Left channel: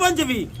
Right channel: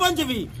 25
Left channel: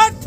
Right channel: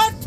8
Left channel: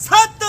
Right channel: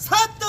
7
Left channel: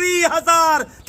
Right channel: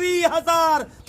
20,000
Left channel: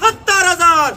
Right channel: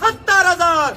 70,000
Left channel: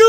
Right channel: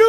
2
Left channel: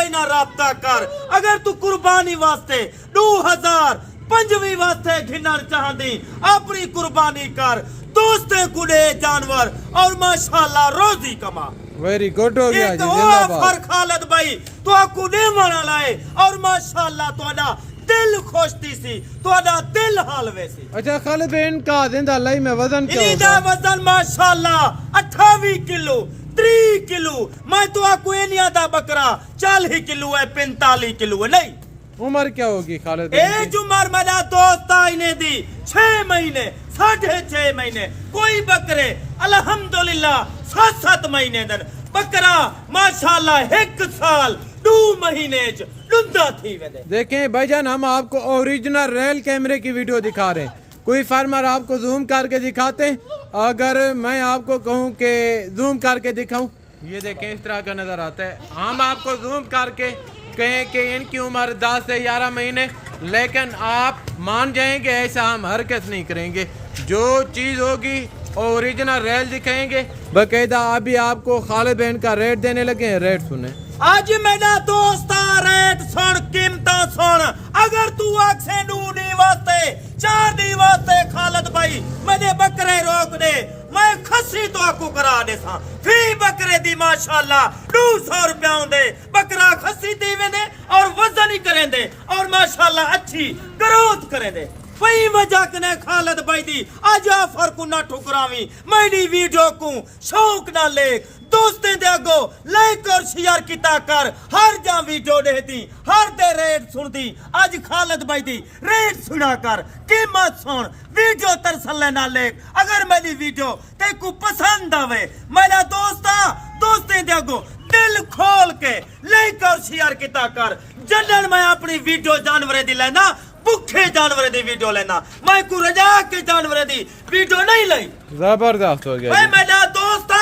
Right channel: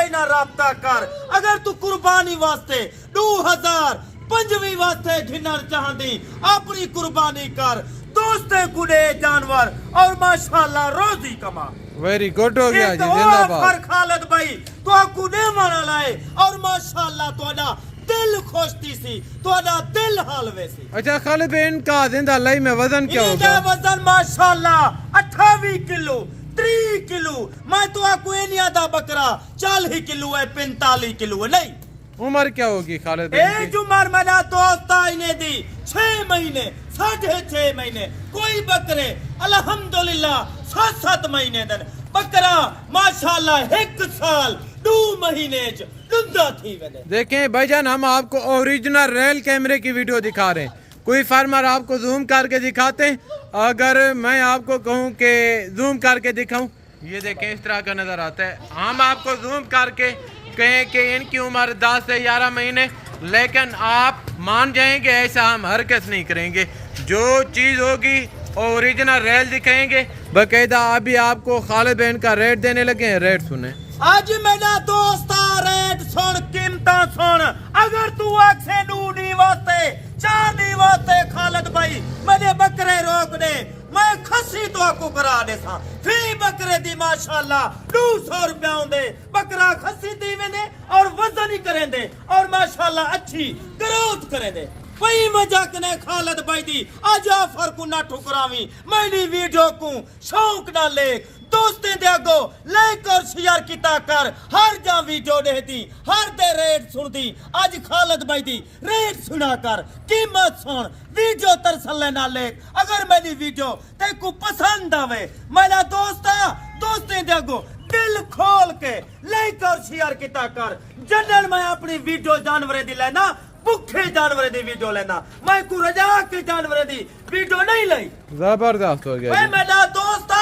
بھائی نہ رابطہ کر اگر تو قربانی واسطے 2025 واسطے گھنن چاہندی اپنی قربانی کر دوستے گڑے جانور اور ماشاءاللہ روزی کما ویری گڈ ہو گیا جی زندہ باد خالد بھائی تو کو دے مانا لائے اور ماشاءاللہ تو دل خوشتی سی تو دل حالوے سی اچھا خالد بھائی ان کا زندہ لائی میں وزن کیا ہوگا وزن ماشاءاللہ 28 کلو 3 کلو میں تو کو انیا دا بکرا 40 کلو ہے 45 کلو ہے نہیں عمر کیا ہوگی خالد بھائی ایج عمر میرا دوست آئینے دی 6 مہینے 6.5 مہینے کوئی بکرے الحمدللہ 7 مہینے دن بکرا ماشاءاللہ 1 سال 2 مہینے لندہ تھی ویلے دیکھیں بھائی جان ہم آپ کو اوریجنل ریل کیمرے کی ویڈیو دکھا رہے ہیں کوئی فارمر آپ کو زوم کر کے دکھاتے ہیں اگر میں آپ کو کہوں کہ زوم کر کے دکھاؤں یہ دیکھیں اس طرح کا نظر آتا ہے ہم آپ کو زوم کر کے کہیں کہ ان کی عمر 10 سے 11 مہینے لیکن آپ مان جائیں گے ایسا ہم ہرگز نہیں کریں گے جو چیز ہوگی اوریجنل ریل دکھائیں گے باقاعدہ ابھی آپ کو خالد بہن کا ریٹ دینے لگے ہیں ریٹ سنیں آج میرا دوست ریٹ سن قیمتہ سن اگر تو اکسے نونی واسطے 4 دی واسطے خالد بھائی میں بکرے روک دے میں خسی تو آپ کو کرا دے سا فی بکرے دی ماشاءاللہ 200 روپیہ ہوں دے بکرا خسی دی میں دے اور وزن ہی کریں دے اور ماشاءاللہ اچھی گروتھ کریں دے پئی وجہ کنے خالد بھائی دی آج آفر کو نہ ٹھکراوی میری ویڈیو کو شوق نہ لے دوستیں دے گو لائک اور شیئر کیتا کر ہر جا ویڈیو دے دی ہر دے ریٹ سن دی آج خالد بھائی دی ریٹ سنا کر قیمت سن ویڈیو ترسلے نہ لے اگر میری ویڈیو تے کو پسند آوے میرا دوستیں دے گو دل کھول کے لائک اور شیئر کیتا کر جنن میں اپنی ویڈیو جانورے دی لینا بکھے جانورے دی ویڈیو لینا میں کو رجا کے جانورے دی ویڈیو نہیں لئی زبردست ہو گیا میرا دوست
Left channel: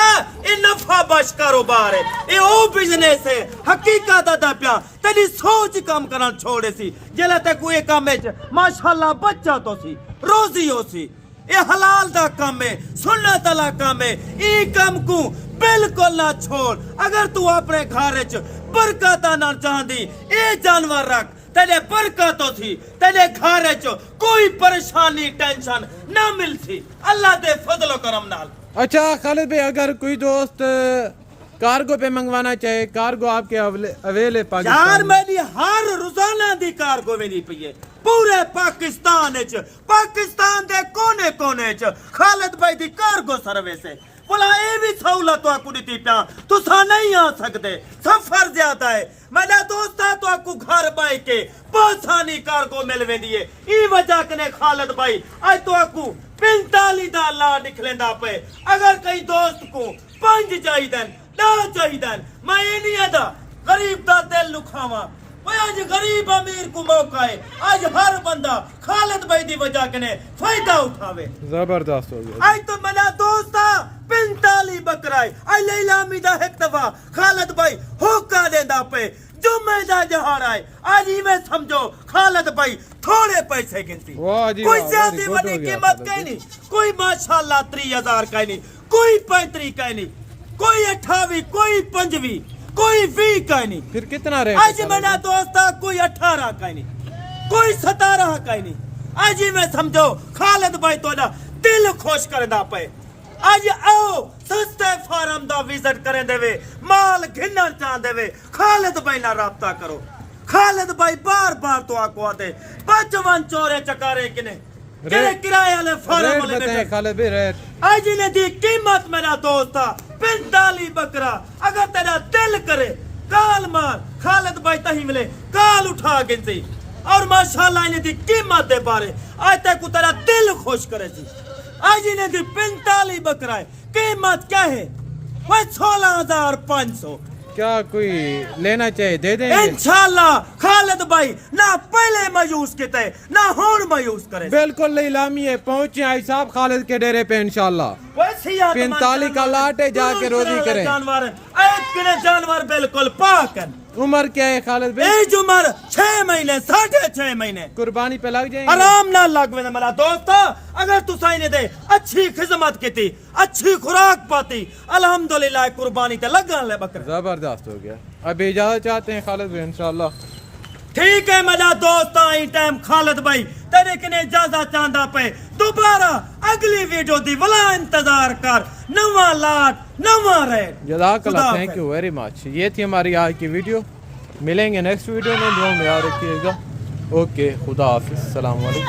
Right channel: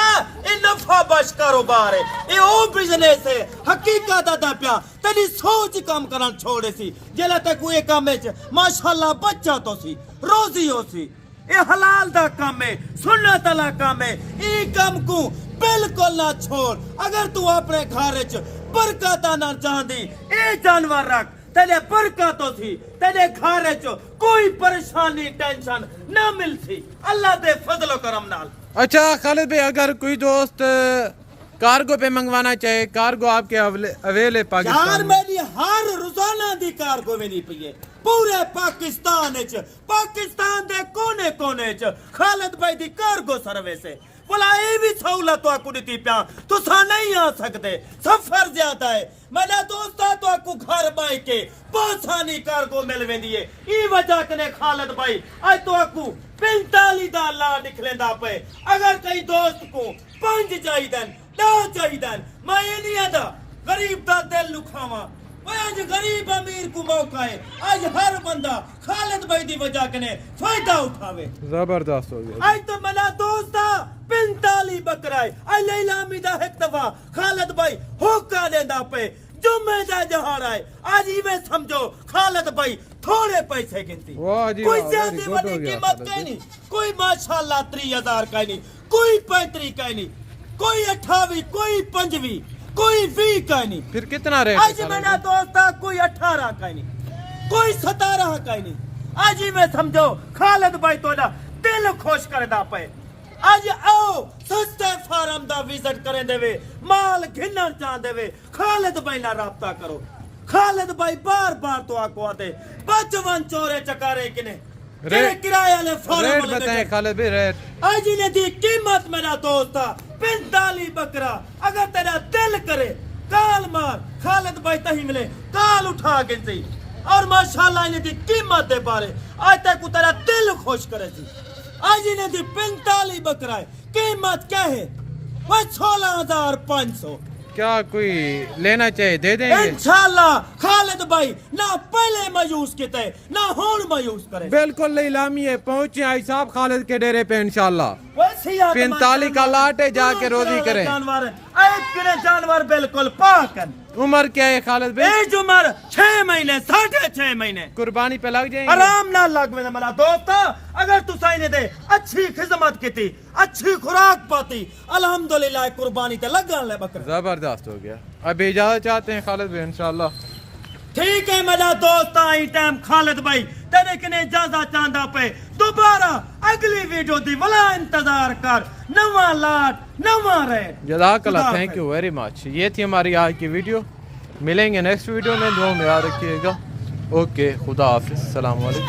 یہ نفع بخش کاروبار ہے یہ او بزنس ہے حقیقت دا پیا تیری سوچ کام کرنا چھوڑے سی جلے تے کوئی کام ہے ماشاءاللہ بچہ تو سی روزی ہو سی یہ حلال دا کام ہے سنت والا کام ہے ای کام کو بالکل نہ چھوڑ اگر تو اپنے گھر وچ برکت نہ چاہندی اے جانور رکھ تیرے برکت تھی تیرے گھر وچ کوئی پریشانی ٹینشن نہ ملتی اللہ دے فضل و کرم نال اچھا خالد بھائی اگر کوئی دوست کارگو پہ منگوانا چاہے کارگو آپ کے اویل ہے یار پاکستان میری ہر روزانہ دی کارگو نہیں پئی ہے پورے پاکستان دے کونے کونے خالد بھائی دی کارگو سروس ہے بولا اے بھی سہولت تو کو دیتی پیا تسا نہیں آ سکتے سفر زیادہ ہے میرا دوست تو آپ کو گھر بائی کے پاسانی کارگو ملوے دیئے ای وجہ کنے خالد بھائی آج تو آپ کو 45 دا لا نکلیں دا پہ اگر کئی دوست کو 5 چاہی دن 10 چاہی دن میں یہ نہیں آدھا غریب دا دل لکھاوا آج غریب امیر کو موقع ہے آج ہر بندہ خالد بھائی دی وجہ کنے فائدہ اٹھاوے زبردست ہو گیا آج تو میرا دوستا 45 بکرائے آج لیلہ امیدہ ایک دفعہ خالد بھائی ہوکا دیندہ پہ جمعہ دا جہاں آئے آج ہی میں سمجھو خالد بھائی تھوڑے پیسے گنتی کوئی زیادہ بڑی قیمت کہیں نہیں کوئی ماشاءاللہ 30,000 کہیں نہیں کوئی 35 کہیں نہیں کوئی 28 کوئی 25 کوئی 20 کہیں نہیں پھر کتنا ریٹ آج میرا دوستا کوئی 18 کہیں نہیں کوئی 17 کہیں نہیں آج ہی میں سمجھو خالد بھائی تو دل خوش کر دا پہ آج آؤ سستے فارم دا وزٹ کریں دے وے مال گھنن چاہن دے وے خالد بھائی نہ رابطہ کرو خالد بھائی بار بار تو آکو آتے 55 چورے چکارے کنے کرایہ لے فارم ریٹ والے بتائیں خالد بھائی ریٹ آج ہی نے دی قیمت میرا دوستا 45 بکرا اگر تیرا دل کرے کال مار خالد بھائی تہی ملے کال اٹھا گنتی اور ماشاءاللہ انہیں دی قیمت دے بارے آج تک کو تیرا دل خوش کرے تھی آج انہیں دی 45 بکرائے قیمت کیا ہے وہ 16,500 کیا کوئی لینا چاہے دے دیں گے انشاءاللہ خالد بھائی نہ پہلے مایوس کیتے نہ ہون مایوس کرے بالکل لیلامی ہے پہنچے آئی صاحب خالد کے ڈیرے پہ انشاءاللہ 45 کا لاٹ ہے جا کے روزی کریں ایک جانور بالکل پاک ہیں. عمر کیا ہے خالد بھائی؟ ایج عمر 6 مہینے 6.5 مہینے. قربانی پہ لگ جائیں گے؟ آرام نہ لگ میں میرا دوست. اگر تو نے دے اچھی خدمت کی تھی اچھی خوراک پاتی الحمدللہ قربانی تے لگا لے بکرا. زبردست ہو گیا. اب اجازت چاہتے ہیں خالد بھائی انشاءاللہ. ٹھیک ہے میرا دوست. آئی ٹائم خالد بھائی تیرے کنے اجازت چاہتا پہ دوبارہ اگلی ویڈیو دی ولا انتظار کر. نواں لاٹ نواں ریٹ. جزاک اللہ. Thank you very much. یہ تھی ہماری آج کی ویڈیو. ملیں گے نیکسٹ ویڈیو میں. دعا میں یاد رکھیے گا. اوکے خدا حافظ. السلام علیکم.